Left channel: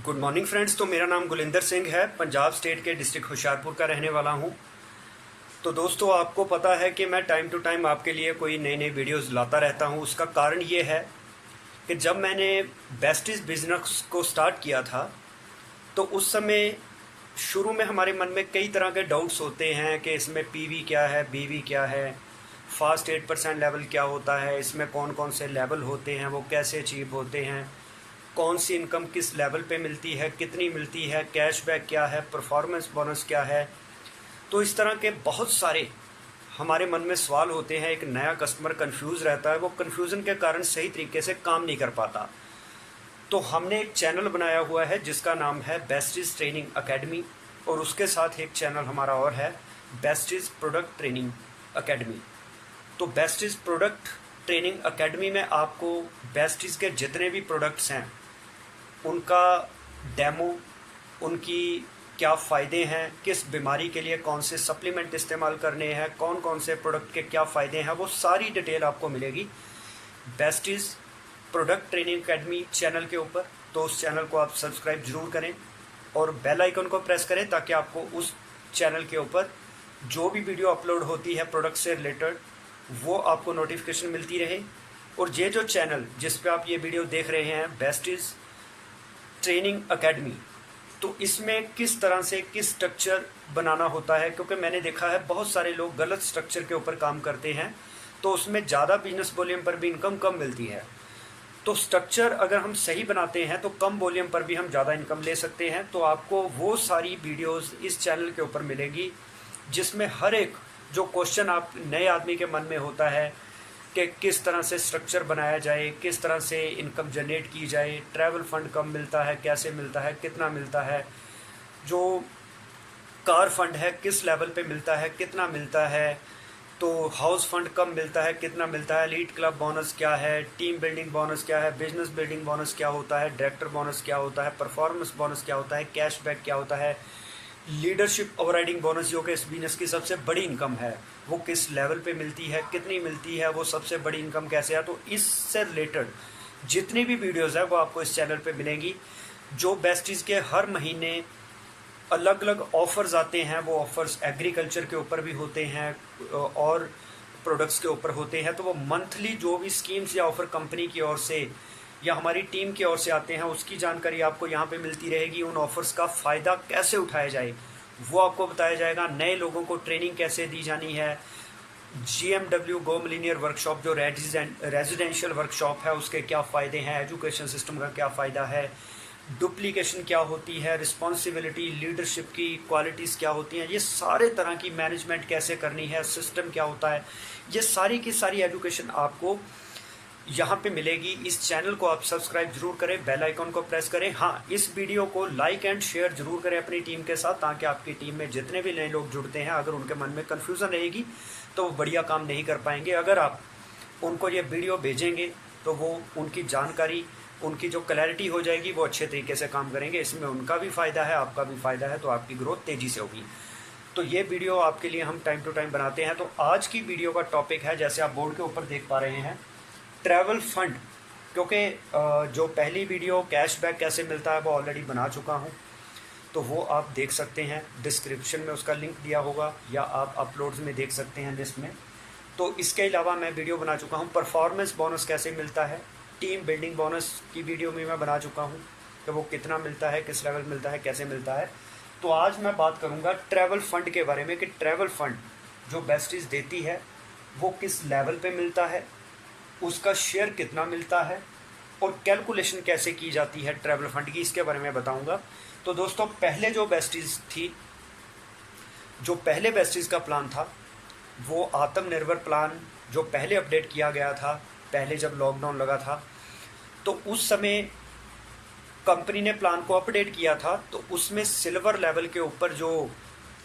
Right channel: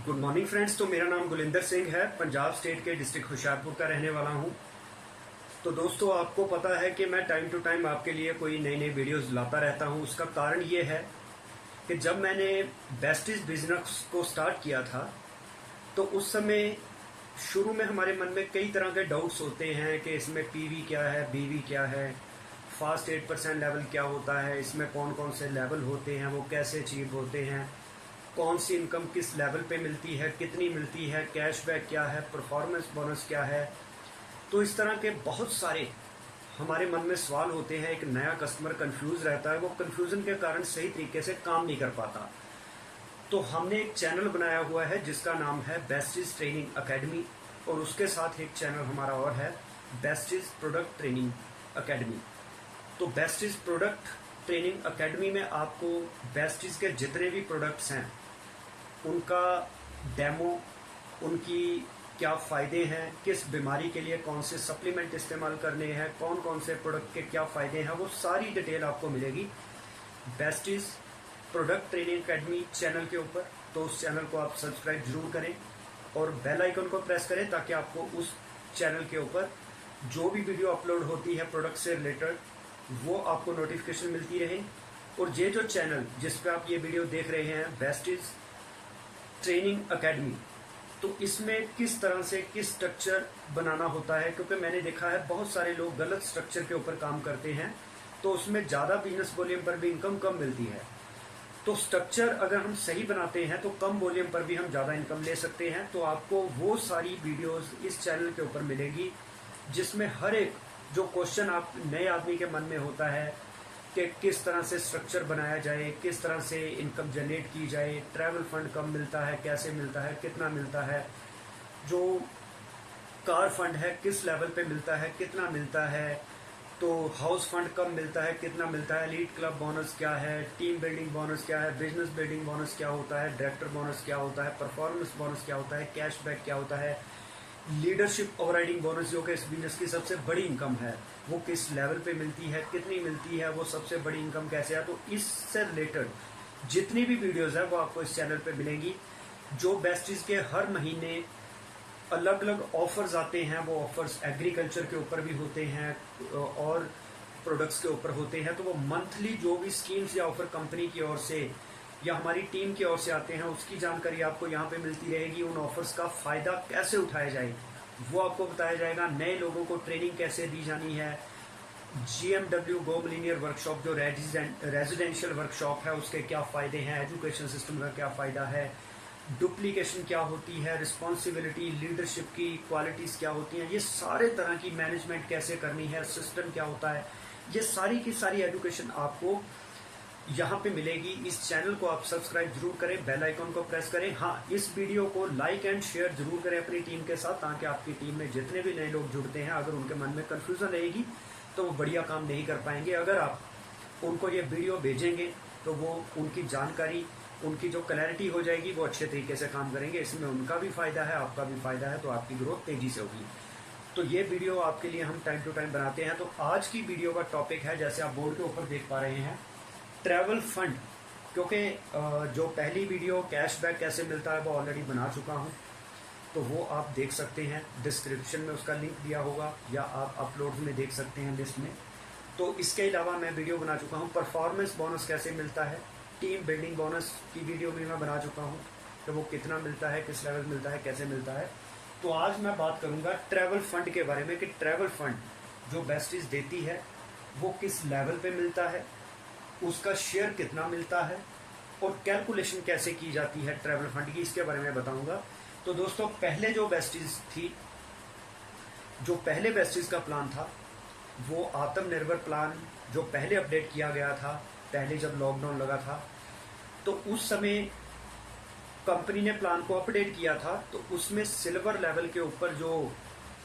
Good morning friends. तो मेरा नाम गुलिंदर सिंह है, पंजाब स्टेट के डिस्ट्रिक्ट होशियारपुर का रहने वाला हूँ। तो दोस्तों, आपको पता है कि मैं टाइम टू टाइम आपके लिए कोई नई नई वीडियोस लाता रहता हूँ। उसका कारण ये है कि जब मैंने बेस्टीज बिजनेस को स्टार्ट किया था तो उस समय शुरू में हमारे मन में कई तरह के डाउट्स होते हैं कि इसमें पीवी क्या है, बीवी क्या है, फास्ट 8% लेवल क्या होता है, इसमें कौन कौन से लेवल होते हैं, वो कैसे अचीव होते हैं, कौन सी इनकम किस लेवल पे मिलती है, कितनी मिलती है, कैशबैक क्या है, परफॉर्मेंस बोनस क्या है। तो इस तरह के बहुत सारे हमारे मन में सवाल होते हैं। एक नया कस्टमर कंफ्यूज रहता है, वो कंफ्यूजन के कारण सही तरीके से काम नहीं कर पाता। तो हमने एक चैनल बनाया हुआ है जिसका नाम है बेस्टीज ट्रेनिंग अकेडमी, और उसके साथ एक चैनल हमारा और है बेस्टीज प्रोडक्ट ट्रेनिंग अकेडमी। तो बेस्टीज प्रोडक्ट ट्रेनिंग अकेडमी में आपको बेस्टीज के जितने भी प्रोडक्ट्स हैं उनका डेमो, उनकी क्या फ़ायदे हैं, किस बीमारी के लिए कौन से सप्लीमेंट इस्तेमाल करने हैं, कौन कौन से प्रोडक्ट के क्या फ़ायदे हैं, वो सारी डिटेल आपको मिलेगी besties product training academy channel के ऊपर। तो उस चैनल को आप सब्सक्राइब ज़रूर करें और बेल आइकन को प्रेस करें ताकि आपको उस चैनल के ऊपर जो भी वीडियो अपलोड होती है प्रोडक्ट से रिलेटेड वो आपको नोटिफिकेशन मिलती रहे। और ये जो चैनल जिस पे आप ये वीडियो देख रहे हैं बेस्टीज ट्रेनिंग अकेडमी, तो इसमें किस तरह से किस स्ट्रक्चर बनाना होता है, क्योंकि मैंने देखा है बहुत सारे लोग गलत स्ट्रक्चर के ऊपर काम करते हैं तो उसमें ज़्यादा बिजनेस वॉल्यूम पर भी इनकम कम मिलती है। तो स्ट्रक्चर अगर हम सही बनाते हैं तो कम वॉल्यूम पर भी हम ज़्यादा इनकम ले सकते हैं। तो आपको वो सारी वीडियोस इस चैनल के ऊपर मिलेगी जिसमें हर एक जो क्वेश्चन आप नए आदमी के मन में होता है कि किस तरह से स्ट्रक्चर बनाया जाए, किस तरह से इनकम जनरेट की जाए, ट्रैवल फंड कब मिलता है, कैसे मिलता है, कितना मिलता है, जो कार फंड है किस लेवल पे मिलता है, कितना मिलता है, तो हाउस फंड कब मिलता है, कितना मिलता है, लीड क्लब बोनस क्या है, टीम बिल्डिंग बोनस क्या है, बिजनेस बिल्डिंग बोनस क्या होता है, डायरेक्टर बोनस क्या होता है, परफॉर्मेंस बोनस क्या होता है, कैशबैक क्या होता है, लीडरशिप ओवरराइडिंग बोनस जो कि इस बिजनेस की सबसे बड़ी इनकम है वो किस लेवल पे मिलती है, कितनी मिलती है, वो सबसे बड़ी इनकम कैसे है। तो इससे रिलेटेड जितनी भी वीडियोस है वो आपको इस चैनल पे मिलेंगी। जो बेस्टीज के हर महीने अलग अलग ऑफर्स आते हैं, वो ऑफर्स एग्रीकल्चर के ऊपर भी होते हैं और प्रोडक्ट्स के ऊपर होते हैं। तो वो मंथली जो भी स्कीम्स या ऑफर कंपनी की ओर से या हमारी टीम की ओर से आते हैं उसकी जानकारी आपको यहाँ पे मिलती रहेगी। उन ऑफर्स का फ़ायदा कैसे उठाया जाए वो आपको बताया जाएगा। नए लोगों को ट्रेनिंग कैसे दी जानी है, GMW गो मिलीनियर वर्कशॉप जो रेजिडेंशियल वर्कशॉप है उसके क्या फ़ायदे हैं, एजुकेशन सिस्टम का क्या फ़ायदा है, डुप्लीकेशन क्या होती है, रिस्पॉन्सिबिलिटी लीडरशिप की क्वालिटीज़ क्या होती हैं, ये सारे तरह की मैनेजमेंट कैसे करनी है, सिस्टम क्या होता है, ये सारी की सारी एजुकेशन आपको यहाँ पे मिलेगी। इस चैनल को आप सब्सक्राइब जरूर करें, बेल आइकन को प्रेस करें। हाँ, इस वीडियो को लाइक एंड शेयर जरूर करें अपनी टीम के साथ ताकि आपकी टीम में जितने भी नए लोग जुड़ते हैं अगर उनके मन में कन्फ्यूज़न रहेगी तो वो बढ़िया काम नहीं कर पाएंगे। अगर आप उनको ये वीडियो भेजेंगे तो वो उनकी जानकारी, उनकी जो क्लैरिटी हो जाएगी, वो अच्छे तरीके से काम करेंगे। इसमें उनका भी फ़ायदा है, आपका भी फ़ायदा है, तो आपकी ग्रोथ तेज़ी से होगी। तो ये वीडियो आपके लिए हम टाइम टू टाइम बनाते हैं। तो आज की वीडियो का टॉपिक है, जैसे आप बोर्ड के ऊपर देख पा रहे हैं, ट्रैवल फंड। क्योंकि जो पहली वीडियो कैशबैक कैसे मिलता है वो ऑलरेडी बना चुका हूँ, तो वो आप देख सकते हैं, डिस्क्रिप्शन में उसका लिंक दिया होगा या आप अपलोड्स में देख सकते हैं लिस्ट में। तो इसके अलावा मैं वीडियो बना चुका हूँ परफॉर्मेंस बोनस कैसे मिलता है, टीम बिल्डिंग बोनस की वीडियो भी मैं बना चुका हूँ कि वो कितना मिलता है, किस लेवल मिलता है, कैसे मिलता है। तो आज मैं बात करूँगा ट्रैवल फंड के बारे में कि ट्रैवल फंड जो बेस्टीज देती है वो किस लेवल पे मिलता है, उसका शेयर कितना मिलता है और कैलकुलेशन कैसे की जाती है ट्रैवल फंड की, इसके बारे में बताऊंगा। तो दोस्तों, पहले जो बेस्टीज थी, जो पहले बेस्टीज का प्लान था वो आत्मनिर्भर प्लान जो पहले अपडेट किया गया था, पहले जब लॉकडाउन लगा था तो उस समय कंपनी ने प्लान को अपडेट किया था। तो उसमें सिल्वर लेवल के ऊपर जो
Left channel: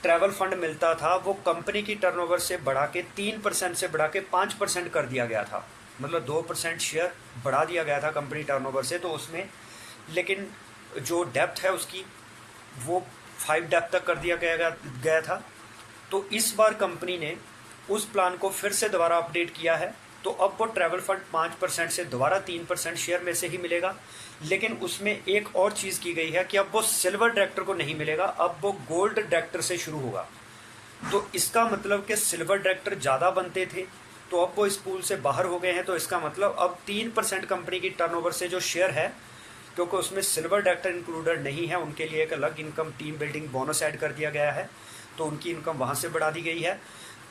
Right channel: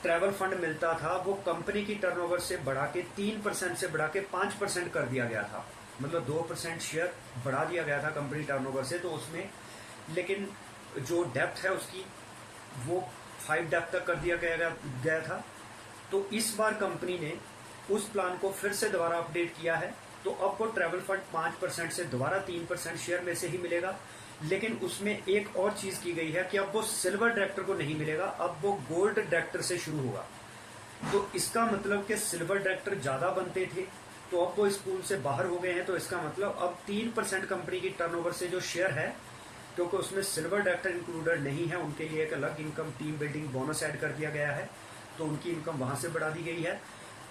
ट्रैवल फंड मिलता था वो कंपनी की टर्नओवर से बढ़ा के 3% से बढ़ा के 5% कर दिया गया था, मतलब 2% शेयर बढ़ा दिया गया था कंपनी टर्नओवर से। तो उसमें लेकिन जो डेप्थ है उसकी वो 5 डेप्थ तक कर दिया गया था। तो इस बार कंपनी ने उस प्लान को फिर से दोबारा अपडेट किया है। तो अब वो ट्रैवल फंड 5% से दोबारा 3% शेयर में से ही मिलेगा। लेकिन उसमें एक और चीज़ की गई है कि अब वो सिल्वर डायरेक्टर को नहीं मिलेगा, अब वो गोल्ड डायरेक्टर से शुरू होगा। तो इसका मतलब कि सिल्वर डायरेक्टर ज़्यादा बनते थे, तो अब वो इस पूल से बाहर हो गए हैं। तो इसका मतलब अब 3% कंपनी की टर्नओवर से जो शेयर है, क्योंकि उसमें सिल्वर डायरेक्टर इंक्लूडेड नहीं है, उनके लिए एक अलग income team building bonus add कर दिया गया है, तो उनकी इनकम वहाँ से बढ़ा दी गई है।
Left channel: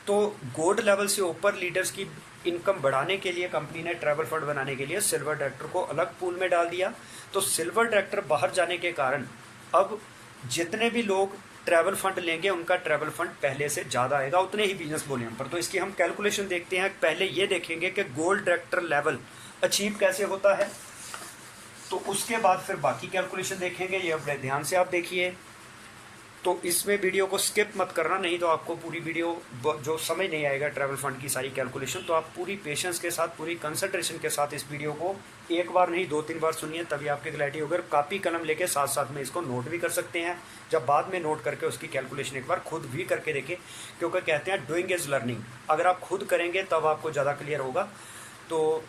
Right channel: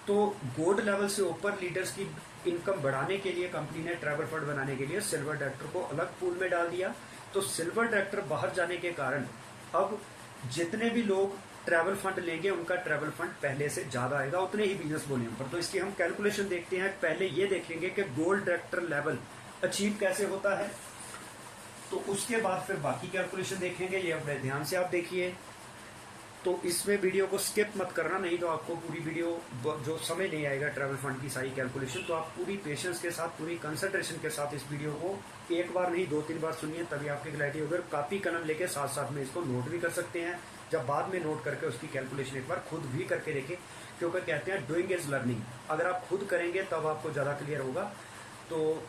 तो गोल्ड लेवल से ऊपर लीडर्स की इनकम बढ़ाने के लिए कंपनी ने ट्रैवल फंड बनाने के लिए सिल्वर डायरेक्टर को अलग पूल में डाल दिया। तो सिल्वर डायरेक्टर बाहर जाने के कारण अब जितने भी लोग ट्रैवल फंड लेंगे उनका ट्रैवल फंड पहले से ज़्यादा आएगा उतने ही बिजनेस वॉल्यूम पर। तो इसकी हम कैलकुलेशन देखते हैं। पहले ये देखेंगे कि गोल्ड डायरेक्टर लेवल अचीव कैसे होता है, तो उसके बाद फिर बाकी कैलकुलेशन देखेंगे। ये अपने ध्यान से आप देखिए, तो इसमें वीडियो को स्किप मत करना, नहीं तो आपको पूरी वीडियो जो समझ नहीं आएगा ट्रैवल फंड की सारी कैलकुलेशन। तो आप पूरी पेशेंस के साथ, पूरी कंसंट्रेशन के साथ इस वीडियो को एक बार नहीं 2-3 बार सुनिए, तभी आपकी क्लैरिटी होगी। कापी कलम लेके साथ साथ में इसको नोट भी कर सकते हैं, जब बाद में नोट करके उसकी कैलकुलेशन एक बार खुद भी करके देखें, क्योंकि कहते हैं डूइंग इज लर्निंग। अगर आप खुद करेंगे तब आपको ज़्यादा क्लियर होगा, तो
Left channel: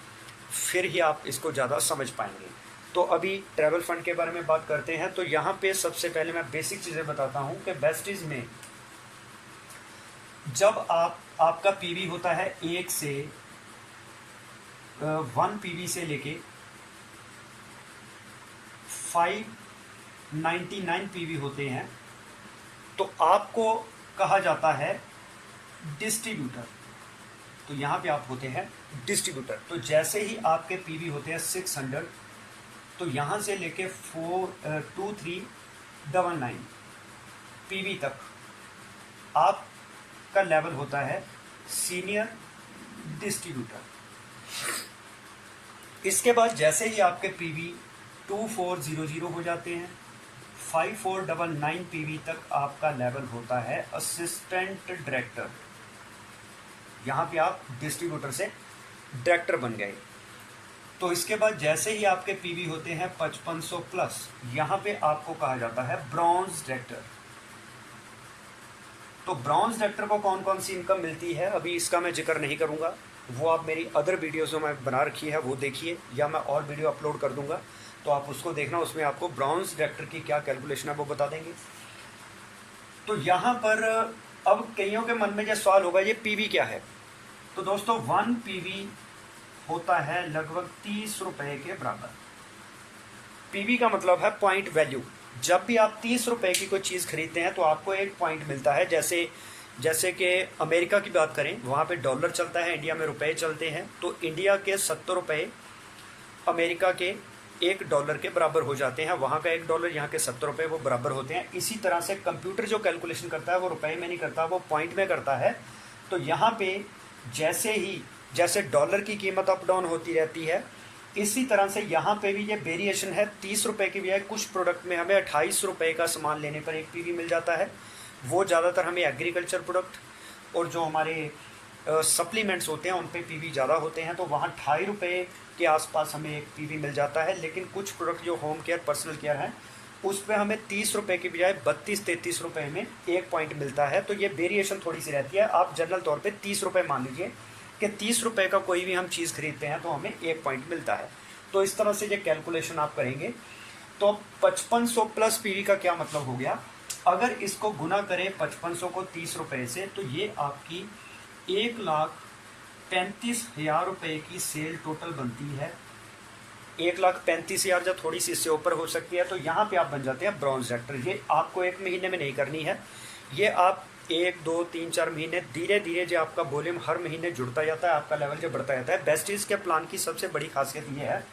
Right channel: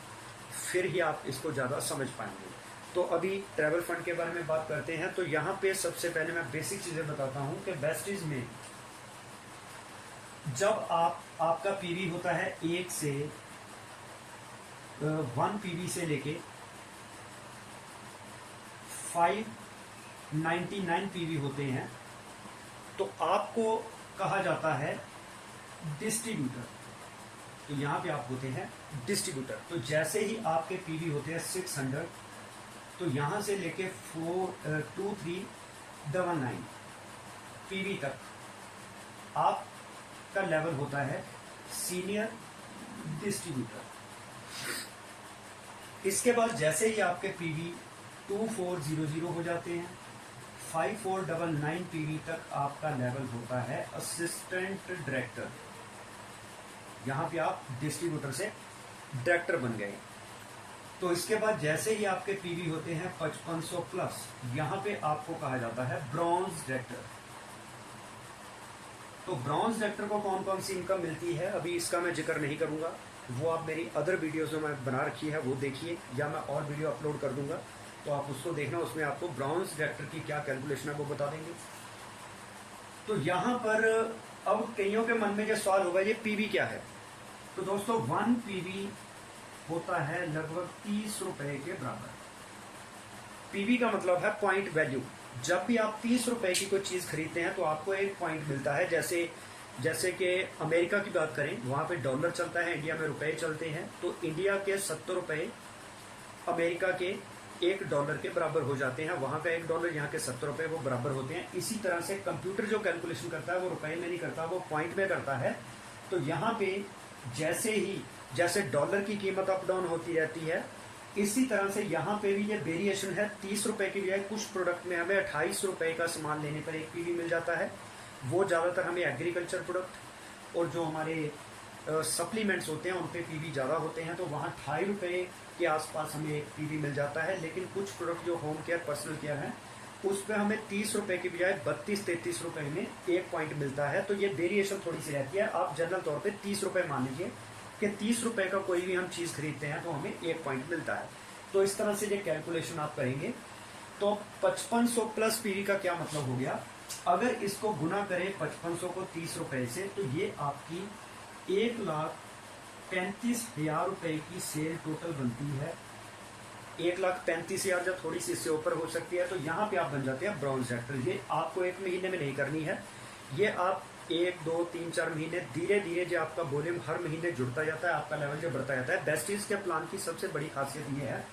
फिर ही आप इसको ज़्यादा समझ पाएंगे। तो अभी ट्रैवल फंड के बारे में बात करते हैं। तो यहाँ पे सबसे पहले मैं बेसिक चीज़ें बताता हूँ कि वेस्टीज में जब आपका पीवी होता है 1 से 1 पीवी से लेके 599 पीवी होते हैं, तो आपको कहा जाता है डिस्ट्रीब्यूटर। तो यहाँ पे आप होते हैं डिस्ट्रीब्यूटर। तो जैसे ही आपके पीवी होते हैं 600, तो यहाँ से लेके 2399 पीवी तक आपका लेवल होता है सीनियर डिस्ट्रीब्यूटर। इसके बाद जैसे ही आपके पीवी 2400 हो जाते हैं, 5499 पीवी तक आपका लेवल होता है असिस्टेंट डायरेक्टर। यहाँ पे आप डिस्ट्रीब्यूटर से डायरेक्टर बन गए। तो इसके बाद जैसे ही आपके पीवी होते हैं 5500 प्लस, यहाँ पे आपको कहा जाता है ब्रॉन्ज डायरेक्टर। तो ब्रॉन्ज डायरेक्टर को कौन कौन सी इनकम मिलती है, अभी इसका मैं जिक्र नहीं करूँगा, वो आप मेरी अदर वीडियोस जो मैं बना रखी है वो देखिए, या मैं और वीडियो अपलोड कर दूंगा, तो आप उसको देखना, उसमें आपको ब्रॉन्ज डायरेक्टर की क्या कैलकुलेशन है वो बता देंगे। तो यहाँ पर अब कईयों के मन में जो सवाल होगा, ये पीवी क्या है। तो दोस्तों 1 पीवी होता है लगभग 30 रुपए के बराबर। पीवी का मतलब है पॉइंट वैल्यू। जब भी आप 30 रुपए की कोई चीज़ खरीदते हैं तो आपको एक पॉइंट मिलता है। जैसे कि अमेरिका की बात करें, वहाँ पे डॉलर चलता है, इंडिया में रुपए चलते हैं। तो इंडिया के 70 रुपए अमेरिका के $1 के बराबर हो जाते हैं। वहाँ का $1, यहाँ के 70 रुपए वो बराबर होते हैं। इसी तरह से कंप्यूटर जो कैलकुलेशन करता है वो रुपए में नहीं करता, वो पॉइंट में करता है। तो यहाँ पे जैसे डॉलर की कीमत अप डाउन होती रहती है, इसी तरह से यहाँ पे भी ये वेरिएशन है। 30 रुपए की बजाय कुछ प्रोडक्ट में हमें 28 रुपए का सामान लेने पर एक पीवी मिल जाता है। वो ज़्यादातर हमें एग्रीकल्चर प्रोडक्ट और जो हमारे सप्लीमेंट्स होते हैं उन पे पीवी ज़्यादा होते हैं, तो वहाँ 28 रुपये के आसपास हमें एक पीवी मिल जाता है। लेकिन कुछ प्रोडक्ट जो होम केयर, पर्सनल केयर है, उस पर हमें 30 रुपये की बजाय 32-33 रुपये में एक पॉइंट मिलता है। तो ये वेरिएशन थोड़ी सी रहती है। आप जनरल तौर पे 30 रुपये मान लीजिए कि 30 रुपये का कोई भी हम चीज़ खरीदते हैं तो हमें एक पॉइंट मिलता है। तो इस तरह से ये कैलकुलेशन आप करेंगे। तो 5500 प्लस पीवी का क्या मतलब हो गया, अगर इसको गुना करें 5500 को 30 रुपये से, तो ये आपकी 1,35,000 रुपये की सेल टोटल बनती है। 1,35,000 या थोड़ी सी इससे ऊपर हो सकती है। तो यहाँ पे आप बन जाते हैं ब्रॉन्ज डायरेक्टर। ये आपको एक महीने में नहीं करनी है, ये आप 1, 2, 3, 4 महीने धीरे धीरे जो आपका वॉल्यूम हर महीने जुड़ता जाता है, आपका लेवल जो बढ़ता जाता है। बेस्टीज के प्लान की सबसे बड़ी खासियत ये है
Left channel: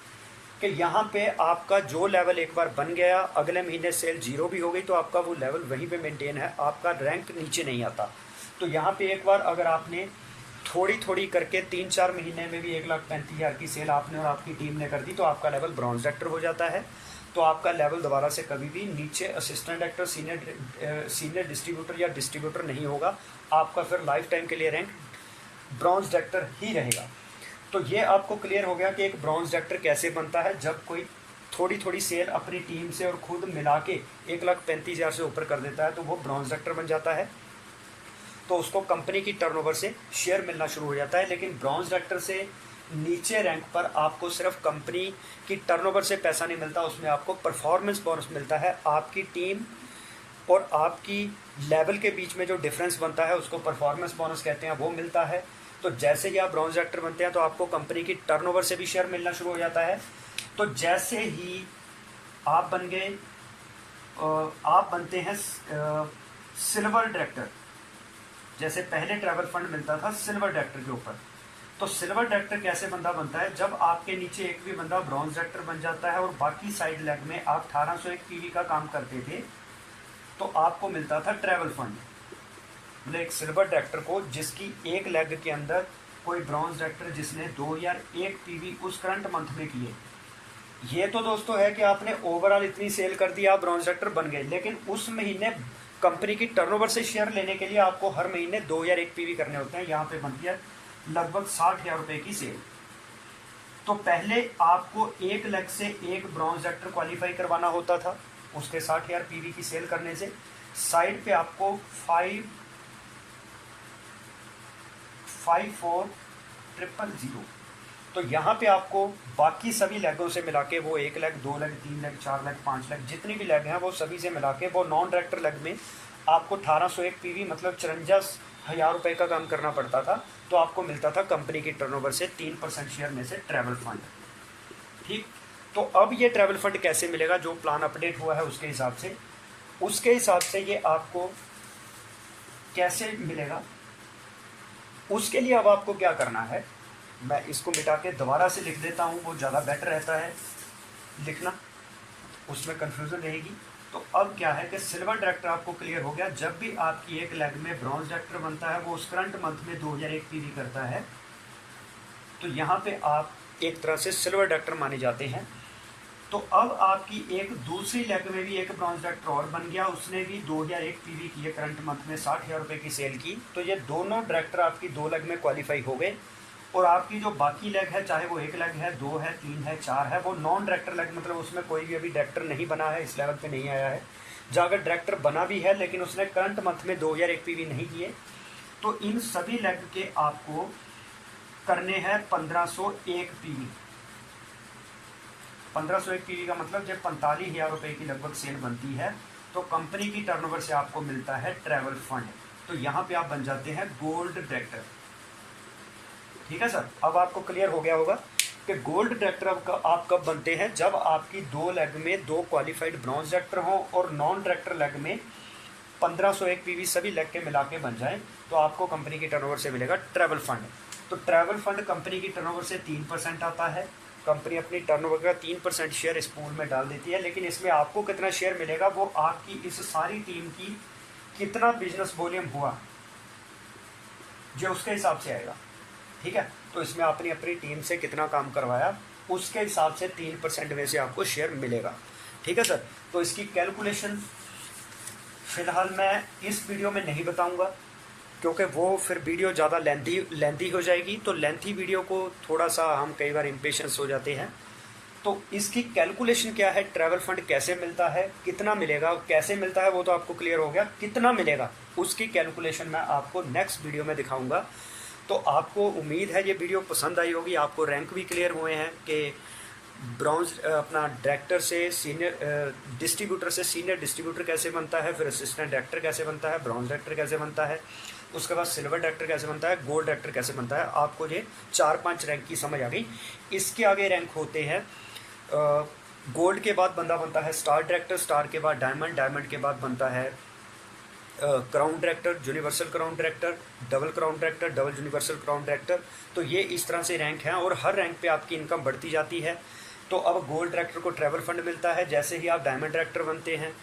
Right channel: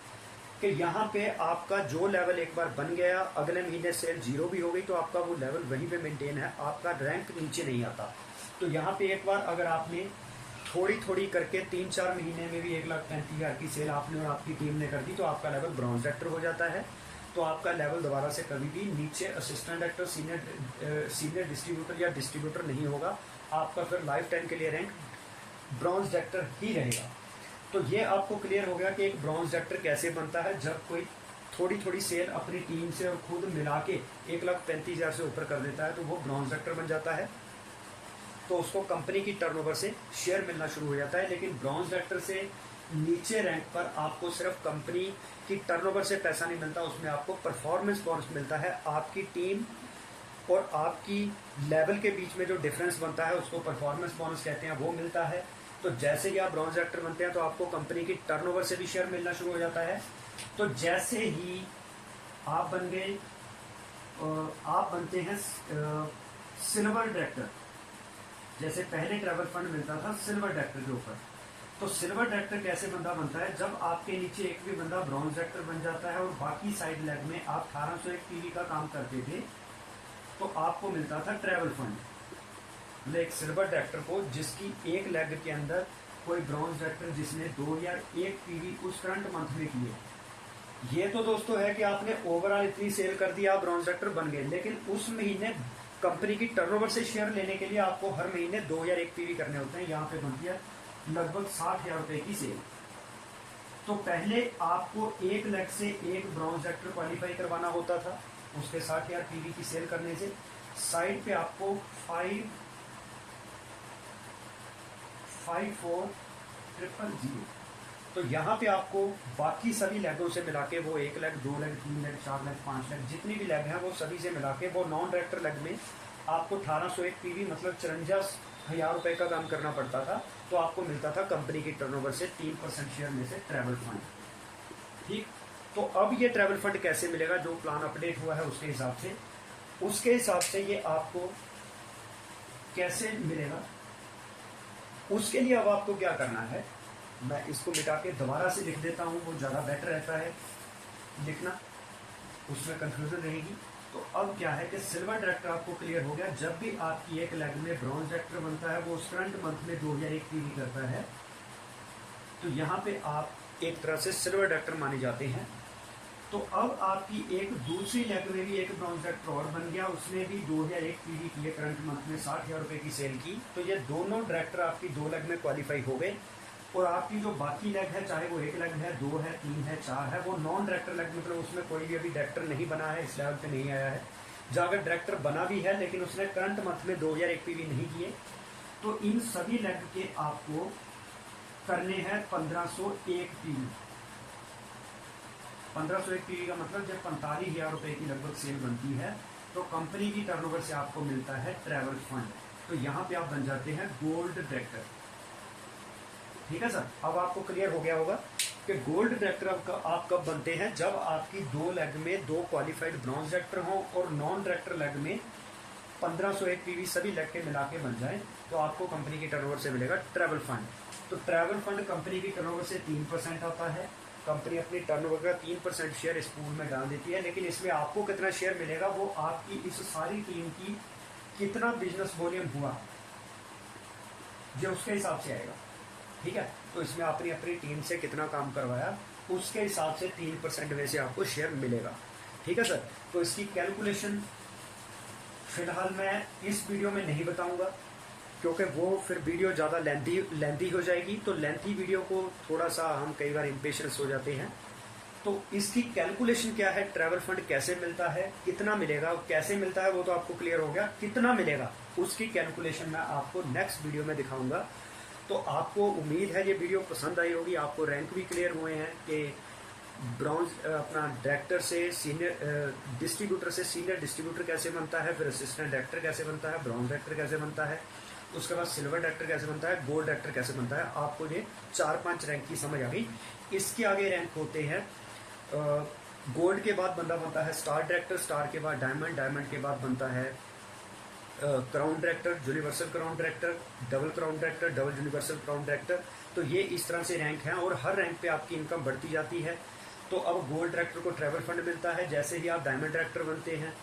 कि यहाँ पे आपका जो लेवल एक बार बन गया, अगले महीने सेल 0 भी हो गई तो आपका वो लेवल वहीं पे मेंटेन है, आपका रैंक नीचे नहीं आता। तो यहाँ पे एक बार अगर आपने थोड़ी थोड़ी करके 3-4 महीने में भी 1,35,000 की सेल आपने और आपकी टीम ने कर दी, तो आपका लेवल ब्रॉन्ज डायरेक्टर हो जाता है। तो आपका लेवल दोबारा से कभी भी नीचे असिस्टेंट डायरेक्टर, सीनियर डिस्ट्रीब्यूटर या डिस्ट्रीब्यूटर नहीं होगा। आपका फिर लाइफ टाइम के लिए रैंक ब्रॉन्ज डायरेक्टर ही रहेगा। तो ये आपको क्लियर हो गया कि एक ब्रॉन्ज डायरेक्टर कैसे बनता है। जब कोई थोड़ी थोड़ी सेल अपनी टीम से और खुद मिला के 1,35,000 से ऊपर कर देता है तो वो ब्रॉन्ज डायरेक्टर बन जाता है। तो उसको कंपनी की टर्नओवर से शेयर मिलना शुरू हो जाता है। लेकिन ब्रॉन्ज डायरेक्टर से नीचे रैंक पर आपको सिर्फ कंपनी की टर्नओवर से पैसा नहीं मिलता, उसमें आपको परफॉर्मेंस बोनस मिलता है। आपकी टीम और आपकी लेवल के बीच में जो डिफरेंस बनता है उसको परफॉर्मेंस बोनस कहते हैं, वो मिलता है। तो जैसे ही आप ब्रॉन्ज डायरेक्टर बनते हैं तो आपको कंपनी की टर्नओवर से भी शेयर मिलना शुरू हो जाता है। तो जैसे ही आप बन गए, आप बनते हैं सिल्वर डायरेक्टर। जैसे पहले ट्रैवल फंड मिलता था सिल्वर डायरेक्टर के ऊपर, तो सिल्वर डायरेक्टर कैसे बंदा बनता है, जब आपके नीचे एक भी बंदा ब्रॉन्ज डायरेक्टर बन जाता है और बाकी साइड लेग में आप 1801 पीवी का काम करते थे, तो आपको मिलता था ट्रैवल फंड। मतलब एक सिल्वर डायरेक्टर को जिसकी एक लेग के अंदर कोई ब्रॉन्ज डायरेक्टर जिसने 2001 पीवी उस करंट मंथ में किए, ये तो दोस्तों है कि आपने ओवरऑल इतनी सेल कर दी, आप ब्रॉन्ज डायरेक्टर बन गए, लेकिन उस महीने कंपनी की टर्नओवर से शेयर लेने के लिए आपको हर महीने 2001 पीवी करने होते हैं। यहाँ पे बनती है लगभग 60,000 रुपये की सेल। तो पहले आपको एक लेग से एक ब्रॉन्ज डायरेक्टर क्वालिफाई करवाना होता था, उसके 60,000 पीवी की सेल करने से साइड पे आपको 5,4,000, तो यहाँ पे आपको बाकी सभी लेगों से मिला के, वो 1 leg 2 leg 3 leg 4 leg 5 leg जितनी भी लेग हैं वो सभी से मिला के, वो नॉन डायरेक्टर लेग में आपको 1801 पीवी मतलब 54,000 रुपये का काम करना पड़ता था। तो आपको मिलता था कंपनी की टर्नओवर से 3% शेयर में से ट्रैवल फंड। ठीक, तो अब ये ट्रैवल फंड कैसे मिलेगा, जो प्लान अपडेट हुआ है उसके हिसाब से ये आपको कैसे मिलेगा, उसके लिए अब आपको क्या करना है, मैं इसको मिटा के दोबारा से लिख देता हूँ, वो ज़्यादा बेटर रहता है लिखना, उसमें कन्फ्यूज़न रहेगी। तो अब क्या है कि सिल्वर डायरेक्टर आपको क्लियर हो गया, जब भी आपकी एक लेग में ब्रॉन्ज डायरेक्टर बनता है वो उस करंट मंथ में 2001 पीवी करता है, तो यहाँ पे आप एक तरह से सिल्वर डायरेक्टर माने जाते हैं। तो अब आपकी एक दूसरी लेग में भी एक ब्रॉन्ज डायरेक्टर और बन गया, उसने भी 2001 पीवी किए, करंट मंथ में 60,000 रुपये की सेल की, तो ये दोनों डायरेक्टर आपकी 2 लेग में क्वालिफाई हो गए। और आपकी जो बाकी लेग है, चाहे वो 1 लेग है 2 है 3 है 4 है, वो नॉन डायरेक्टर लेग, मतलब उसमें कोई भी अभी डायरेक्टर नहीं बना है, इस लेवल पे नहीं आया है। जहाँ अगर डायरेक्टर बना भी है लेकिन उसने करंट मंथ में 2001 पीवी नहीं किए, तो इन सभी लेग के आपको करने हैं 1501 पीवी। 1501 पीवी का मतलब जब 45,000 रुपये की लगभग सेल बनती है तो कंपनी की टर्नओवर से आपको मिलता है ट्रैवल फंड। तो यहाँ पे आप बन जाते हैं गोल्ड डायरेक्टर। ठीक है सर, अब आपको क्लियर हो गया होगा कि गोल्ड डायरेक्टर आप कब बनते हैं, जब आपकी 2 लेग में 2 क्वालिफाइड ब्रॉन्ज डायरेक्टर हों और नॉन डायरेक्टर लेग में 1501 पीवी सभी लेग के मिला के बन जाए, तो आपको कंपनी की टर्नओवर से मिलेगा ट्रैवल फंड। तो ट्रैवल फंड कंपनी की टर्नओवर से 3% आता है, कंपनी अपनी टर्नओवर का 3% शेयर इस पूल में डाल देती है, लेकिन इसमें आपको कितना शेयर मिलेगा वो आपकी इस सारी टीम की कितना बिजनेस वॉल्यूम हुआ जो उसके हिसाब से आएगा। ठीक है, तो इसमें आपने अपनी टीम से कितना काम करवाया उसके हिसाब से 3% में से आपको शेयर मिलेगा। ठीक है सर, तो इसकी कैलकुलेशन फिलहाल मैं इस वीडियो में नहीं बताऊंगा क्योंकि वो फिर वीडियो ज़्यादा लेंथी हो जाएगी। तो लेंथी वीडियो को थोड़ा सा हम कई बार इम्पेशंस हो जाते हैं। तो इसकी कैलकुलेशन क्या है, ट्रैवल फंड कैसे मिलता है, कितना मिलेगा, कैसे मिलता है वो तो आपको क्लियर हो गया, कितना मिलेगा उसकी कैलकुलेशन मैं आपको नेक्स्ट वीडियो में दिखाऊंगा। तो आपको उम्मीद है ये वीडियो पसंद आई होगी, आपको रैंक भी क्लियर हुए हैं कि ब्रॉन्ज अपना डायरेक्टर से सीनियर डिस्ट्रीब्यूटर से सीनियर डिस्ट्रीब्यूटर कैसे बनता है, फिर असिस्टेंट डायरेक्टर कैसे बनता है, ब्रॉन्ज डायरेक्टर कैसे बनता है, उसके बाद सिल्वर डायरेक्टर कैसे बनता है, गोल्ड डायरेक्टर कैसे बनता है। आपको ये 4-5 रैंक की समझ आ गई। इसके आगे रैंक होते हैं, गोल्ड के बाद बंदा बनता है स्टार डायरेक्टर, स्टार के बाद डायमंड, डायमंड के बाद बनता है crown director, universal crown director, double crown director, double universal crown director. तो ये इस तरह से रैंक हैं और हर रैंक पे आपकी इनकम बढ़ती जाती है। तो अब गोल्ड डायरेक्टर को ट्रैवल फंड मिलता है, जैसे ही आप डायमंड डायरेक्टर बनते हैं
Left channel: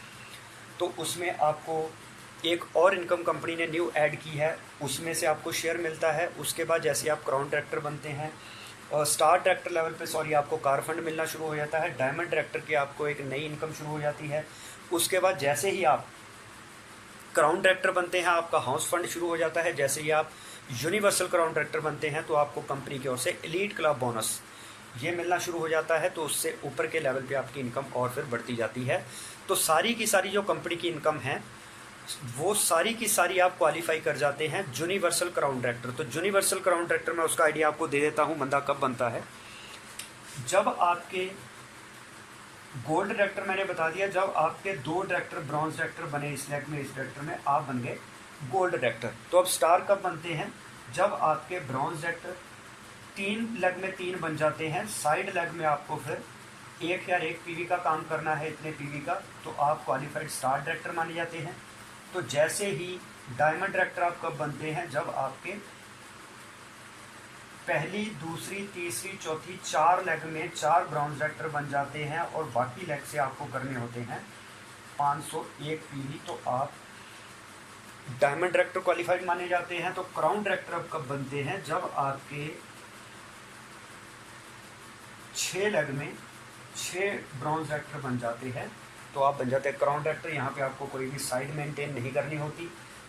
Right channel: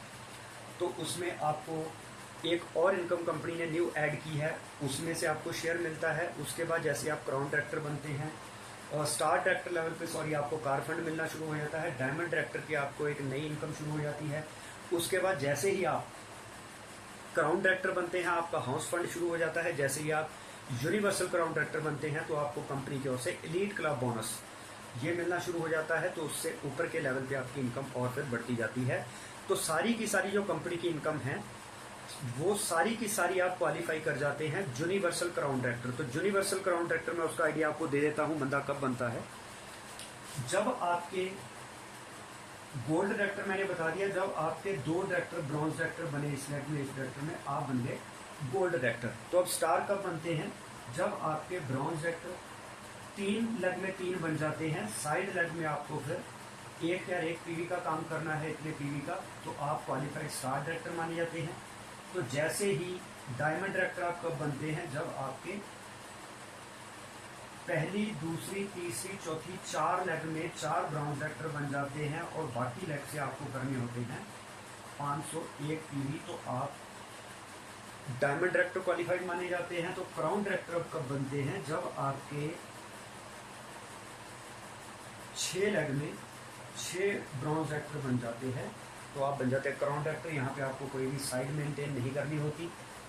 तो उसमें आपको एक और इनकम कंपनी ने न्यू ऐड की है, उसमें से आपको शेयर मिलता है। उसके बाद जैसे आप क्राउन डायरेक्टर बनते हैं और स्टार डायरेक्टर लेवल पे आपको कार फंड मिलना शुरू हो जाता है। डायमंड डायरेक्टर की आपको एक नई इनकम शुरू हो जाती है। उसके बाद जैसे ही आप क्राउन डायरेक्टर बनते हैं आपका हाउस फंड शुरू हो जाता है। जैसे ही आप यूनिवर्सल क्राउन डायरेक्टर बनते हैं तो आपको कंपनी की ओर से एलीट क्लब बोनस ये मिलना शुरू हो जाता है। तो उससे ऊपर के लेवल पे आपकी इनकम और फिर बढ़ती जाती है। तो सारी की सारी जो कंपनी की इनकम है वो सारी की सारी आप क्वालिफाई कर जाते हैं यूनिवर्सल क्राउन डायरेक्टर। तो यूनिवर्सल क्राउन डायरेक्टर में उसका आइडिया आपको दे देता हूँ, बंदा कब बनता है। जब आपके गोल्ड डायरेक्टर मैंने बता दिया, जब आपके 2 डायरेक्टर ब्रॉन्ज डायरेक्टर बने इस लेग में, इस डायरेक्टर में आप बन गए गोल्ड डायरेक्टर। तो अब स्टार कब बनते हैं, जब आपके ब्रॉन्ज डायरेक्टर 3 लेग में 3 बन जाते हैं, साइड लेग में आपको फिर 1 या 1 पीवी का काम करना है, इतने पीवी का, तो आप क्वालिफाइड स्टार डायरेक्टर माने जाते हैं। तो जैसे ही डायमंड डायरेक्टर आप कब बनते हैं, जब आपके पहली, दूसरी, तीसरी, चौथी 4 लेग में 4 ब्रॉन्ज डायरेक्टर बन जाते हैं और बाकी लेग से आपको करने होते हैं 501 पीवी, तो आप डायमंड डायरेक्टर क्वालिफाइड माने जाते हैं। तो क्राउन डायरेक्टर अब कब बनते हैं, जब आपके 6 लेग में 6 ब्रॉन्ज डायरेक्टर बन जाते हैं, तो आप बन जाते हैं क्राउन डायरेक्टर। यहाँ पे आपको कोई भी साइड मेंटेन नहीं करनी होती।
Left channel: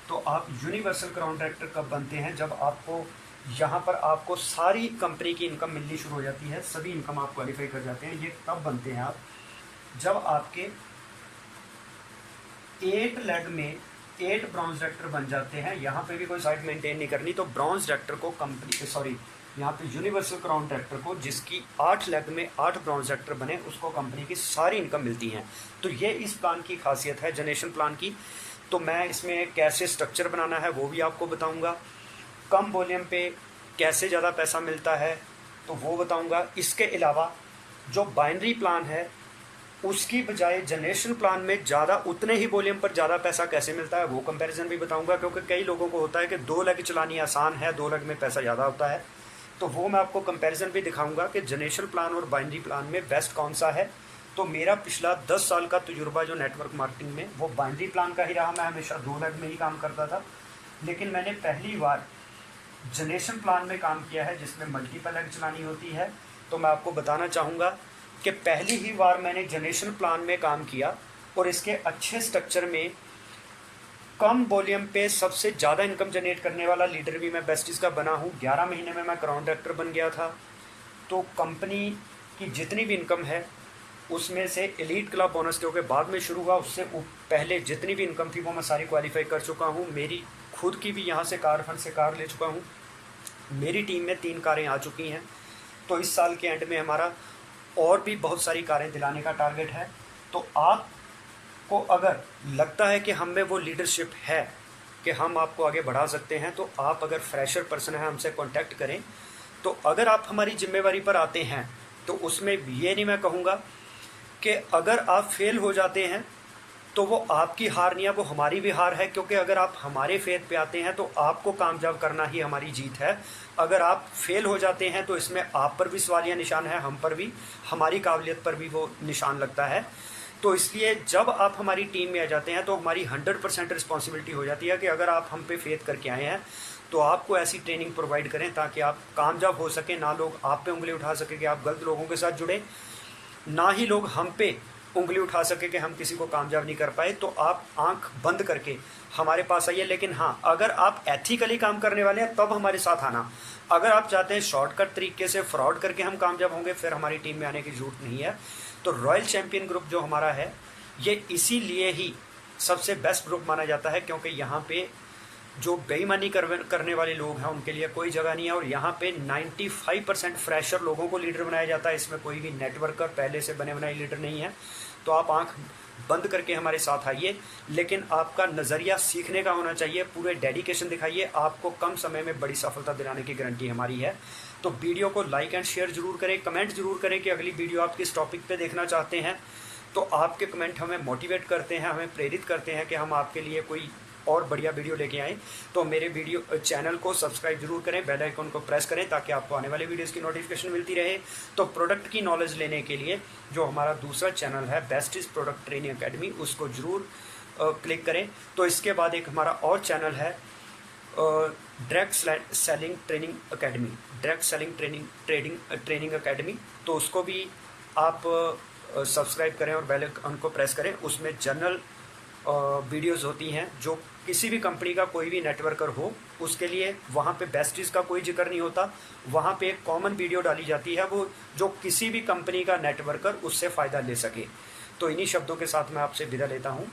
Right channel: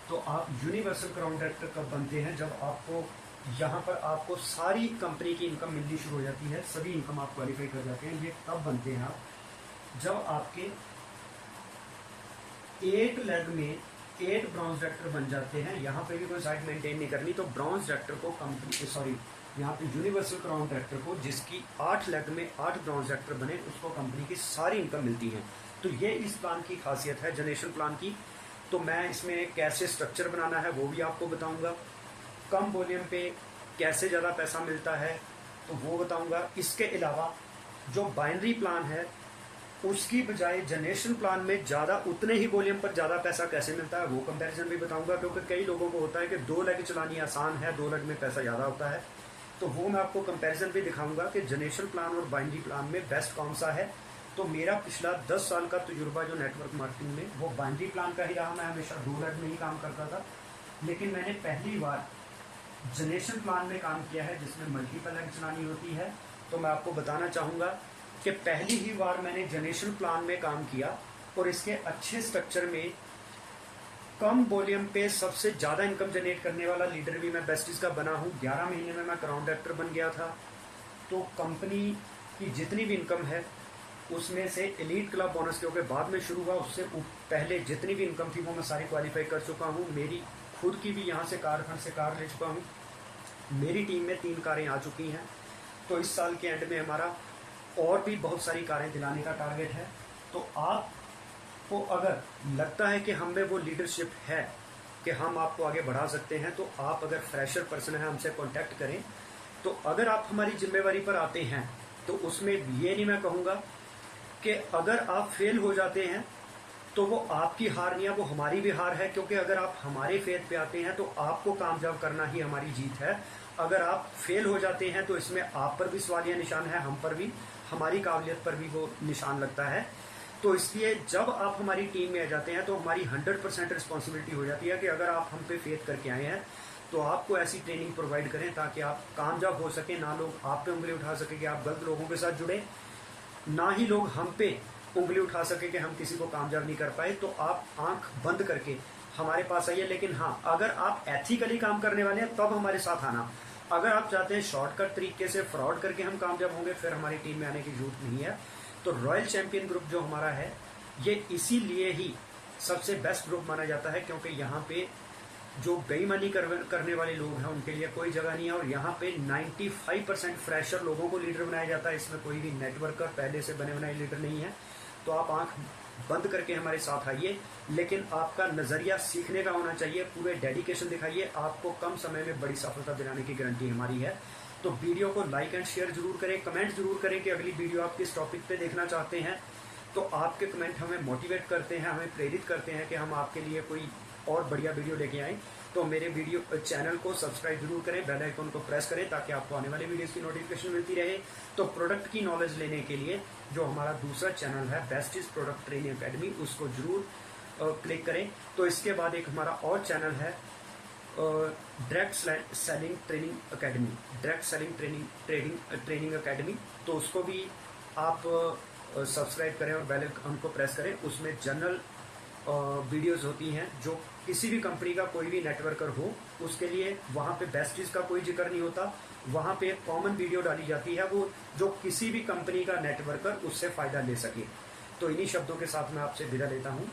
तो आप यूनिवर्सल क्राउन डायरेक्टर कब बनते हैं, जब आपको यहाँ पर आपको सारी कंपनी की इनकम मिलनी शुरू हो जाती है, सभी इनकम आप क्वालिफाई कर जाते हैं। ये तब बनते हैं आप, जब आपके 8 लेग में 8 ब्रॉन्ज डायरेक्टर बन जाते हैं। यहाँ पे भी कोई साइड मेंटेन नहीं करनी। तो ब्रॉन्ज डायरेक्टर को कंपनी, सॉरी, यहाँ पे यूनिवर्सल क्राउन डायरेक्टर को, जिसकी 8 लेग में 8 ब्रॉन्ज डायरेक्टर बने, उसको कंपनी की सारी इनकम मिलती है। तो ये इस प्लान की खासियत है, जनरेशन प्लान की। तो मैं इसमें कैसे स्ट्रक्चर बनाना है वो भी आपको बताऊंगा, कम वॉल्यूम पे कैसे ज़्यादा पैसा मिलता है तो वो बताऊंगा। इसके अलावा जो बाइनरी प्लान है उसकी बजाय जनरेशन प्लान में ज़्यादा, उतने ही वॉल्यूम पर ज़्यादा पैसा कैसे मिलता है वो कंपैरिजन भी बताऊंगा। क्योंकि कई लोगों को होता है कि 2 लेग चलानी आसान है, 2 लेग में पैसा ज़्यादा होता है, तो वो मैं आपको कंपैरिजन भी दिखाऊंगा कि जनरेशन प्लान और बाइनरी प्लान में बेस्ट कौन सा है। तो मेरा पिछला 10 साल का तजुर्बा जो नेटवर्क मार्केटिंग में, वो बाइनरी प्लान का ही रहा। मैं हमेशा 2 लेग में ही काम करता था, लेकिन मैंने पहली बार जनरेशन प्लान में काम किया है जिसमें मल्टीपल लेग चलानी होती है। तो मैं आपको बताना चाहूँगा कि पहली ही बार मैंने जनरेशन प्लान में काम किया और इसके अच्छे स्ट्रक्चर में कम वॉल्यूम पे सबसे ज़्यादा इनकम जनरेट करने वाला लीडर भी मैं बेस्टीज का बना हूँ। 11 महीने में मैं क्राउन डायरेक्टर बन गया था। तो कंपनी की जितनी भी इनकम है उसमें से एलीट क्लब बोनस के बाद में शुरू हुआ, उससे पहले जितनी भी इनकम थी वो मैं सारी क्वालिफाई कर चुका हूँ। मेरी खुद की भी यहाँ से कार फंड से कार ले चुका हूँ। मेरी टीम में 3 कारें आ चुकी हैं। तो इस साल के एंड में हमारा और भी बहुत सारी कारें दिलाने का टारगेट है। तो आपको अगर लगता है कि हम में वो लीडरशिप है कि हम आपको आगे बढ़ा सकते हैं, तो आप अगर फ्रेशर पर्सन है हमसे कांटेक्ट करें। तो अगर आप हमारी जिम्मेवारी पर आते हैं तो उसमें ये नहीं मैं कहूँगा कि अगर आप फेल हो जाते हैं तो वो आपकी हार नहीं है, वो हमारी भी हार है। क्योंकि अगर आप हमारे फेथ पे आते हैं तो आपको कामयाब करना ही हमारी जीत है। अगर आप फेल हो जाते हैं तो इसमें आप पर भी सवालिया निशान है, हम पर भी, हमारी काबिलियत पर भी वो निशान लगता है। तो इसलिए जब आप हमारी टीम में आ जाते हैं तो हमारी 100% रिस्पॉन्सिबिलिटी हो जाती है कि अगर आप हम पे फेथ करके आए हैं तो आपको ऐसी ट्रेनिंग प्रोवाइड करें ताकि आप कामयाब हो सकें। ना लोग आप पे उंगली उठा सके कि आप गलत लोगों के साथ जुड़े, ना ही लोग हम पे उंगली उठा सके कि हम किसी को कामयाब नहीं कर पाए। तो आप आंख बंद करके हमारे पास आइए। लेकिन हाँ, अगर आप एथिकली काम करने वाले हैं तब हमारे साथ आना। अगर आप चाहते हैं शॉर्टकट तरीके से फ्रॉड करके हम कामयाब होंगे, फिर हमारी टीम में आने की जरूरत नहीं है। तो रॉयल चैंपियन ग्रुप जो हमारा है ये इसीलिए ही सबसे बेस्ट ग्रुप माना जाता है क्योंकि यहाँ पे जो बेईमानी करने वाले लोग हैं उनके लिए कोई जगह नहीं है। और यहाँ पे 95% फ्रेशर लोगों को लीडर बनाया जाता है। इसमें कोई भी नेटवर्कर पहले से बने बनाए लीडर नहीं है। तो आप आंख बंद करके हमारे साथ आइए, लेकिन आपका नज़रिया सीखने का होना चाहिए। पूरे डेडिकेशन दिखाइए, आपको कम समय में बड़ी सफलता दिलाने की गारंटी हमारी है। तो वीडियो को लाइक एंड शेयर जरूर करें, कमेंट जरूर करें कि अगली वीडियो आप किस टॉपिक पे देखना चाहते हैं। तो आपके कमेंट हमें मोटिवेट करते हैं, हमें प्रेरित करते हैं कि हम आपके लिए कोई और बढ़िया वीडियो लेके आएँ। तो मेरे वीडियो चैनल को सब्सक्राइब जरूर करें, बेल आइकन को प्रेस करें ताकि आपको आने वाले वीडियोस की नोटिफिकेशन मिलती रहे। तो प्रोडक्ट की नॉलेज लेने के लिए जो हमारा दूसरा चैनल है बेस्टीज प्रोडक्ट ट्रेनिंग एकेडमी, उसको जरूर क्लिक करें। तो इसके बाद एक हमारा और चैनल है direct selling training academy, direct selling training academy. तो उसको भी आप सब्सक्राइब करें और बेल आइकन को प्रेस करें। उसमें जनरल वीडियोस होती हैं जो किसी भी कंपनी का कोई भी नेटवर्कर हो उसके लिए, वहाँ पे बेस्टीज का कोई जिक्र नहीं होता। वहाँ पे एक कॉमन वीडियो डाली जाती है वो जो किसी भी कंपनी का नेटवर्कर उससे फ़ायदा ले सके। तो इन्हीं शब्दों के साथ मैं आपसे विदा लेता हूँ।